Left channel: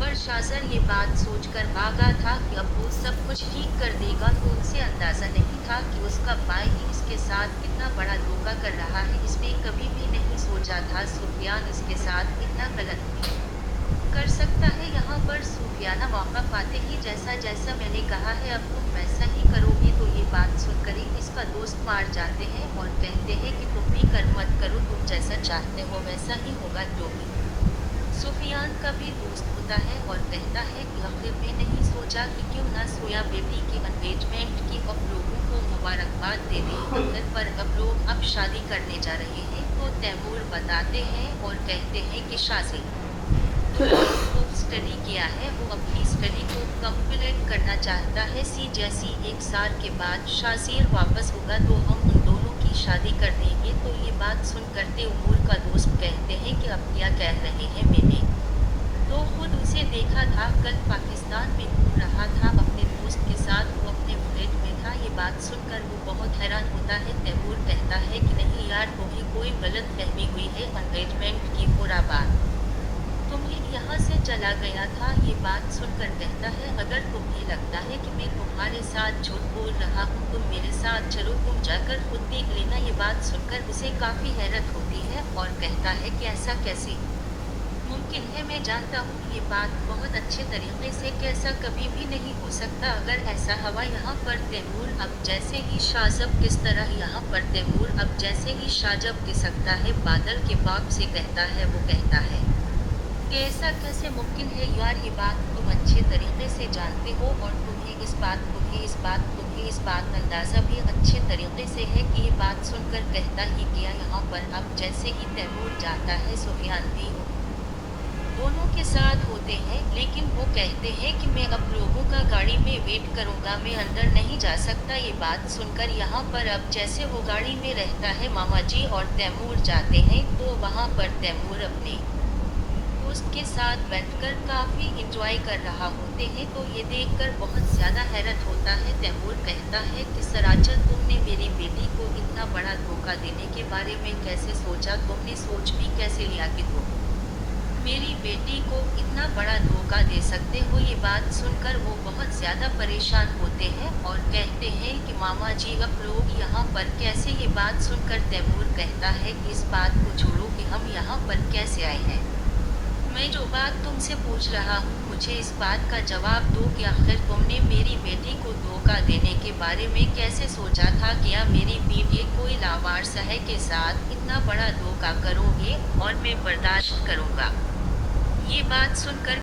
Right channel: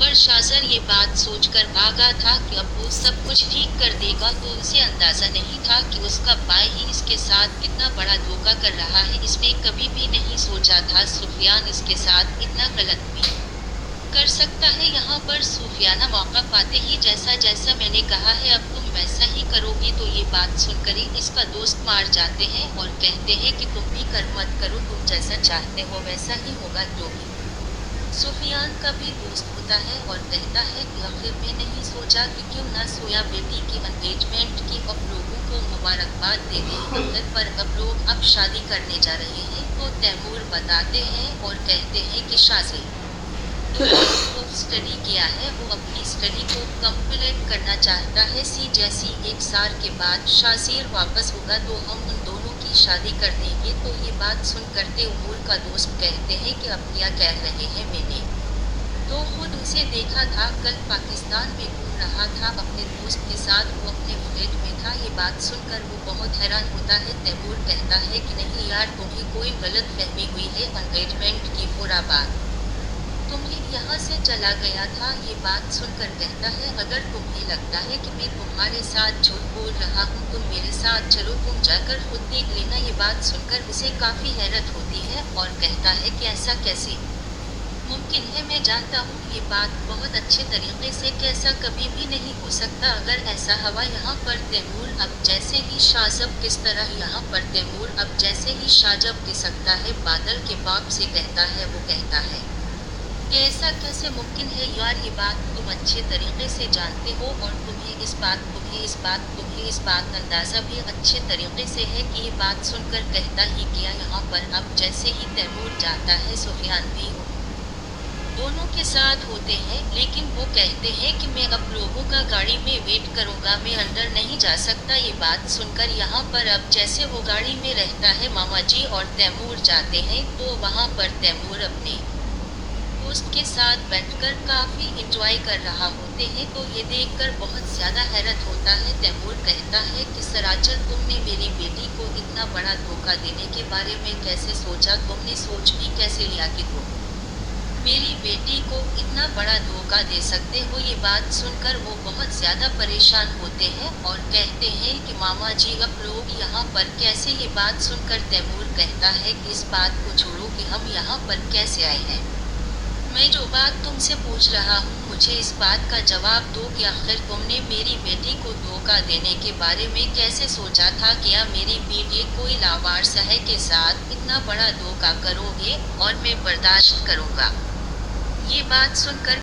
पर शाजर ये बात सोचकर भागा था कि अब वो सब कुछ ठीक कर देगा, तो उसे अंदाजा नहीं था कि उसका भाई ही इसके साथ कितना बड़ा धोखा कर रहा है। इसने कभी भी नहीं सोचा था सुफियान इसके साथ इतना गलत भी कर सकता है। यहाँ पर सूफियाना मौका पाते ही जैसा जैसा मैंने कहा है अब तुम वैसा ही करोगे, तो ये बात सुनकर ही इसका दोस्त मार जाते हैं और कहते हैं कि तुम भी कर मत करो, तुम जैसा चाहते हो वैसा ही होगा। तो सूफियान का भी दोस्त होता है और कहता है कि आखिर में नहीं सोचा कि क्यों ना सोया बेटी की एंगेजमेंट की, अब लोगों को मुबारकबाद दे दें, पर अब लोग अब शादी करने जा रहे हैं। तो तैमूर बताते हैं और कहते हैं कि शाजी को स्टडी किया है, वो अपनी स्टडी को कंप्लीट करना चाहता है। जैसी 1 साल के बाद शाजीर वापस होगा तो हम उन दोनों की शादी कर देंगे। तो ये बात सुनकर तैमूर का दोस्त कहते हैं कि अब क्या कह रहे हैं, मैंने तो खुद उसे देखा था, कल पाकिस्तान में घूम रहा था अपने दोस्त के साथ, वो अपने फ्लैट में था। ये बात सुनकर वो बहुत हैरान होता है। तैमूर कहता है कि नहीं यार, तुम्हें कोई गलत फहमी हुई है, एंगेजमेंट की पूरा बात तुम्हें यहाँ से चला गया था। ये बात सुनकर कहता है अगर तुम्हें लगता है कि मैं तुम्हारे साथ झूठ बोल रहा हूँ, तुम मेरे साथ चलो, तुम जाकर खुद देख लेना। ये बात सुनकर उसे काफी हैरत होती है और कहता है कि ऐसा कैसे मुमकिन है, मैं जानता हूँ ये बात बहुत अच्छे तरीके से कैसा कभी भी नहीं हो सकता। अगर ऐसा हवा यहाँ पर तैमूर अब जैसे ही शाजब किस तरह यहाँ पर तैमूर अब जैसे ही शाजब की सकता है, बादल के बाप से कहता है। वो कहता है कि ऐसा कैसे मुमकिन है यार, ये बात तुम अच्छे तरीके से जानते हो और तुम्हें इस बात अंदाजा भी अच्छे तरीके से है कि ये बात सुनकर कहता ही गया। यहाँ पर अब जैसे ही तैमूर जाता है, सुफियान भी दोनों के साथ होते हैं, लेकिन वो कहते हैं कि मैं अब लोगों का गाड़ी में वेट करूंगा, मैं अंदर नहीं जा सकता। ये बात सुनकर यहाँ पर अब जैसे वो गाड़ी में रहता है, मामा जी और तैमूर जाते हैं, तो वहाँ पर तैमूर अपने दोस्त के साथ बैठकर काफी इंजॉय कर रहा होते हैं। तो ये देखकर बहुत ज्यादा हैरत होता है। तैमूर कहता है कि सराचर, तुमने मेरी बेटी को इतना बड़ा धोखा देने के बारे में कैसे सोचा, तुमने सोच भी कैसे लिया कि तुम मेरी बेटी को इतना बड़ा धोखा दे सकते हो। ये बात सुनकर वो बहुत ज्यादा परेशान होते हैं और कहते हैं कि मामा जी अब लोग यहाँ पर कैसे। ये बात सुनकर तैमूर कहता है कि इस बात को छोड़ो कि हम यहाँ पर कैसे आए हैं, मैं जो बात तुमसे पूछ रहा हूँ मुझे इस बात का जवाब दो कि आखिर तुमने मेरी बेटी को धोखा देने के बारे में कैसे सोचा था। क्या मेरी बेटी कोई लावारिस है के साथ इतना बड़ा धोखा करोगे और मैं बर्दाश्त करूँगा। ये बात सुनकर